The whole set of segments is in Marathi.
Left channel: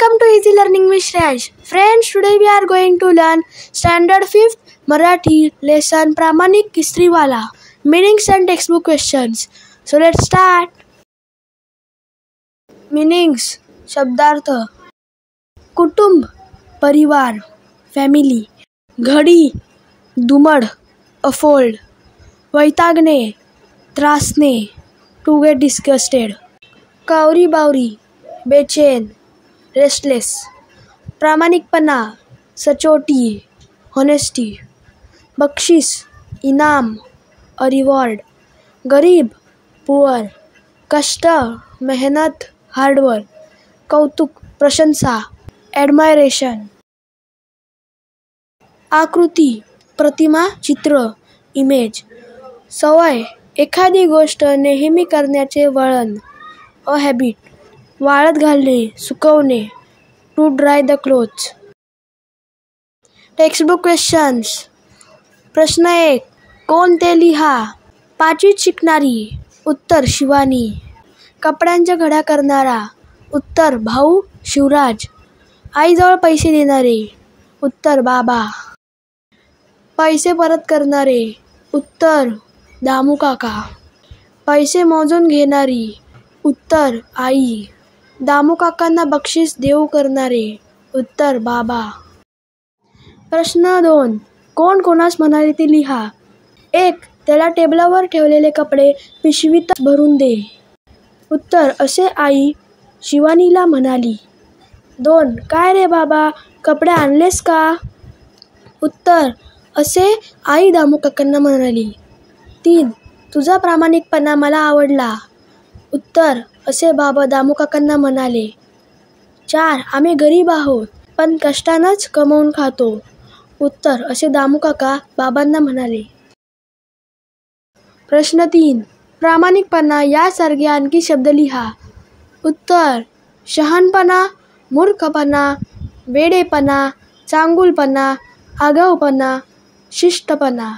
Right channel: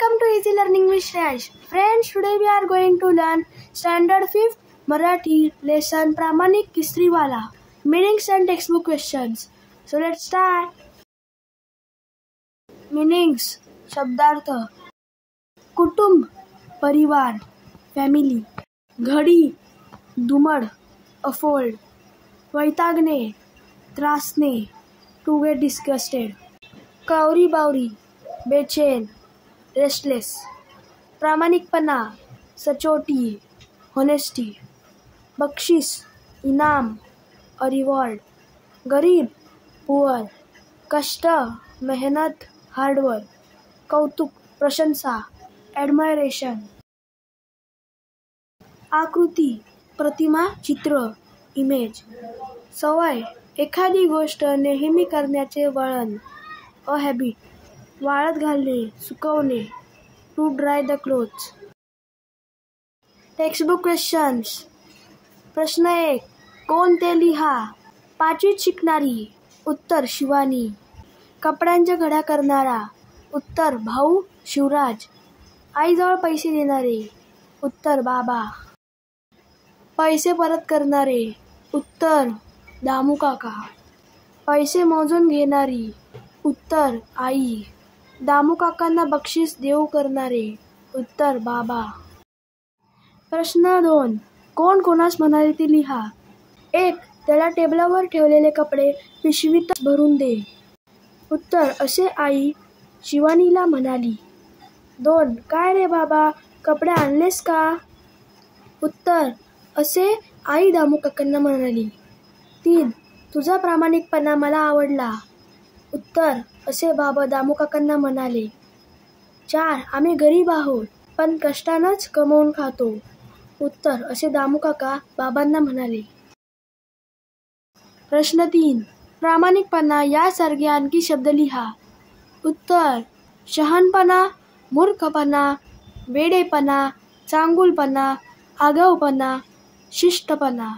Welcome to Easy Learning with Shreyash. Friends, today we are going to learn Standard 5th Marathi lesson Pramanik Istriwala, meanings and textbook questions. So let's start. Meanings, शब्दार्थ, कुटुंब, परिवार, फॅमिली, घडी, दुमड, अफोल्ड, वैतागणे, त्रासणे, टू गेट डिस्गस्टेड, कावरी बावरी, बेचैन, रेस्टलेस, प्रामाणिकपणा, सचोटी, होनेस्टी, बक्षीस, इनाम, अ रिवॉर्ड, गरीब, पुअर, कष्ट, मेहनत, हार्डवर्क, कौतुक, प्रशंसा, ॲडमायरेशन, आकृती, प्रतिमा, चित्र, इमेज, सवय, एखादी गोष्ट नेहमी करण्याचे वळण, अ हॅबिट, वाळत घालणे, सुकवणे, to dry the clothes. Textbook questions. प्रश्न 1. कोण ते लिहा. 5वीत शिकणारी. उत्तर शिवानी. कपड्यांच्या घड्या करणारा. उत्तर भाऊ शिवराज. आईजवळ पैसे देणारे. उत्तर बाबा. पैसे परत करणारे. उत्तर दामू काका. पैसे मोजून घेणारी. उत्तर आई. दामू काकांना बक्षीस देऊ करणारे. उत्तर बाबा. प्रश्न 2. कोण कोणास म्हणाले ते लिहा. 1. त्याला टेबलावर ठेवलेले कपडे पिशवीत भरून दे. उत्तर असे आई शिवानीला म्हणाली. 2. काय रे बाबा, कपडे आणलेस का. उत्तर असे आई दामू काकांना म्हणाली. 3. तुझा प्रामाणिकपणा मला आवडला. उत्तर असे बाबा दामू काकांना म्हणाले. 4. आम्ही गरीब आहोत पण कष्टानंच कमवून खातो. उत्तर असे दामू काका बाबांना म्हणाले. प्रश्न 3. प्रामाणिकपणा यासारखे आणखी शब्द लिहा. उत्तर शहाणपणा, मूर्खपणा, वेडेपणा, चांगुलपणा, आगाऊपणा, शिष्टपणा.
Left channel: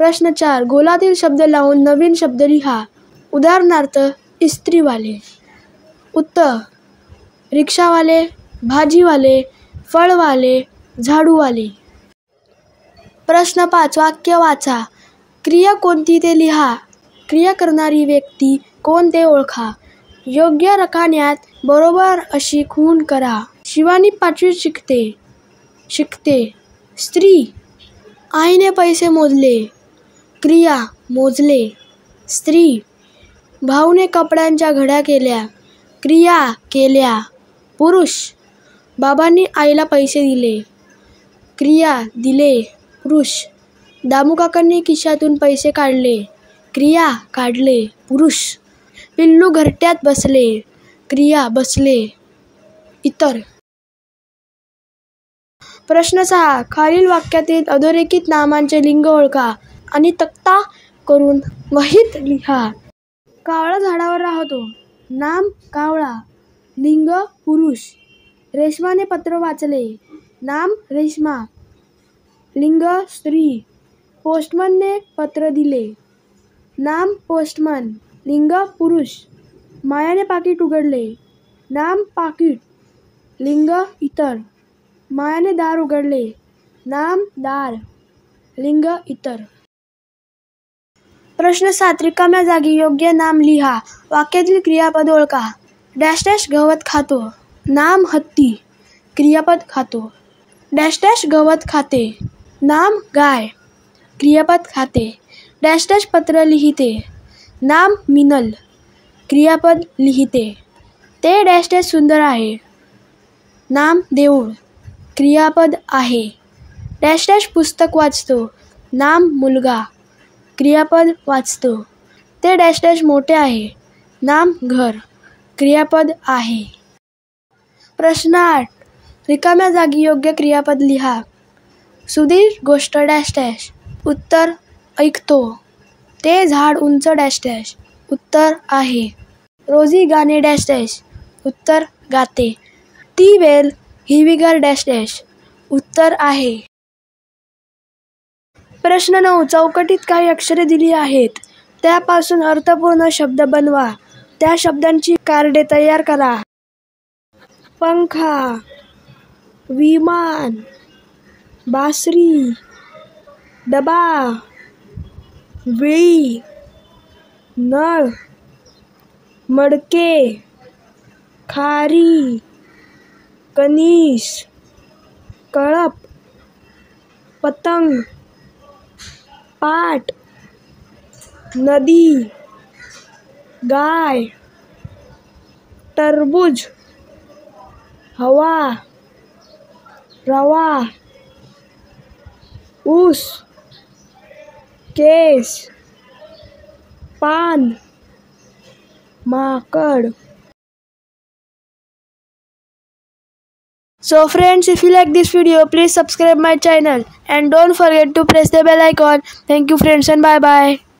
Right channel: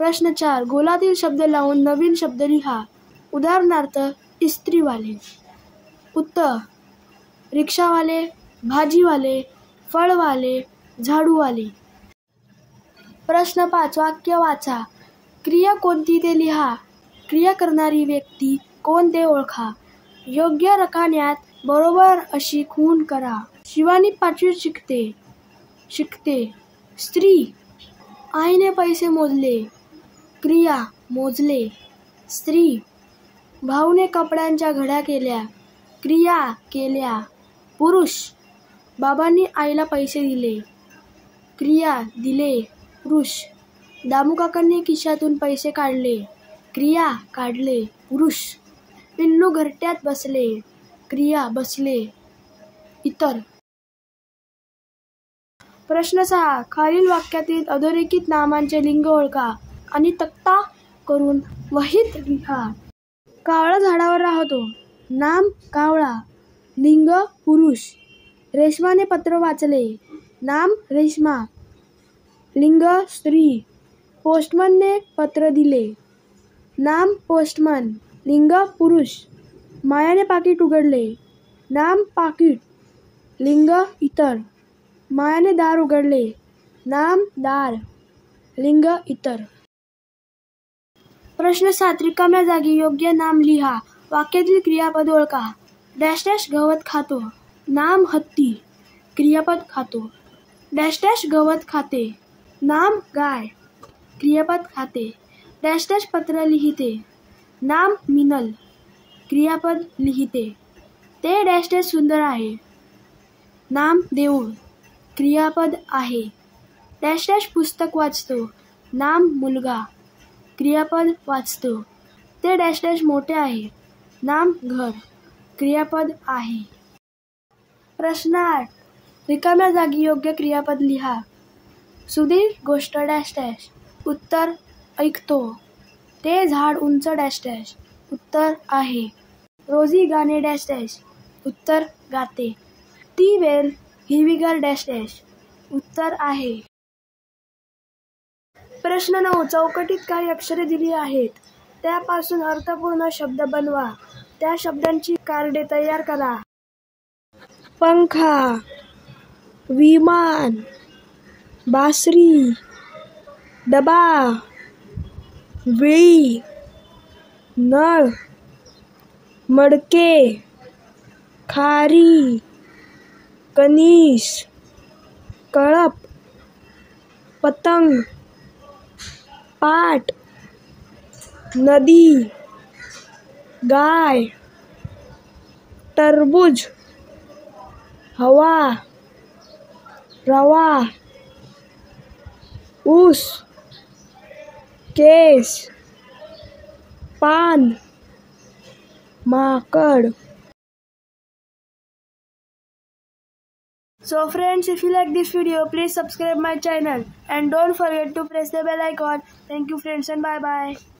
प्रश्न 4. गोलातील शब्द लावून नवीन शब्द लिहा. उदाहरणार्थ इस्त्रीवाले. उत्तर रिक्षावाले, भाजीवाले, फळवाले, झाडूवाले. प्रश्न 5. वाक्य वाचा. क्रिया कोणती ते लिहा. क्रिया करणारी व्यक्ती कोण ते ओळखा. योग्य रकान्यात बरोबर अशी खूण करा. शिवानी 5वीत शिकते. स्त्री. आईने पैसे मोजले. क्रिया मोजले. स्त्री. भाऊने कपड्यांच्या घड्या केल्या. क्रिया केल्या. पुरुष. बाबांनी आईला पैसे दिले. क्रिया दिले. पुरुष. दामू काकांनी खिशातून पैसे काढले. क्रिया काढले. पुरुष. पिल्लू घरट्यात बसले. क्रिया बसले. इतर. प्रश्न 6. खालील वाक्यातील अधोरेखित नामांचे लिंग ओळखा आणि तक्ता करून वहीत लिहा. कावळा झाडावर राहतो. नाम कावळा. लिंग पुरुष. रेशमाने पत्र वाचले. नाम रेश्मा. लिंग स्त्री. पोस्टमनने पत्र दिले. नाम पोस्टमन. लिंग पुरुष. मायाने पाकीट उघडले. नाम पाकीट. लिंग इतर. मायाने दार उघडले. नाम दार. लिंग इतर. प्रश्न 7. रिकाम्या जागी योग्य नाम लिहा. वाक्यातील क्रियापद ओळखा. डॅश डॅश गवत खातो. नाम हत्ती. क्रियापद खातो. डॅश डॅश गवत खाते. नाम गाय. क्रियापद खाते. डॅश डॅश पत्र लिहिते. नाम मिनल. क्रियापद लिहिते. ते डॅश डॅश सुंदर आहे. नाम देऊळ. क्रियापद आहे. डॅश डॅश पुस्तक वाचतो. नाम मुलगा. क्रियापद वाचतो. ते डॅश डॅश मोठे आहे. नाम घर. क्रियापद आहे. प्रश्न 8. रिकाम्या जागी योग्य क्रियापद लिहा. सुधीर गोष्ट डॅश डॅश. उत्तर ऐकतो. ते झाड उंच डॅश डॅश. उत्तर आहे. रोजी गाणे डॅश डॅश. उत्तर गाते. ती वेल हिरवीगार डॅश डॅश. उत्तर आहे. प्रश्न 9. चौकटीत काही अक्षरे दिली आहेत. त्यापासून अर्थपूर्ण शब्द बनवा. त्या शब्दांची कार्डे तयार करा. पंखा, विमान, बासरी, डबा, विळी, नळ, मडके, खारी, कणीस, कळप, पतंग, पाट, नदी, गाय, टरबूज, हवा, रवा, ऊस, केस, पान, माकड. So friends, if you like this video, please subscribe my channel and don't forget to press the bell icon. Thank you friends and bye bye.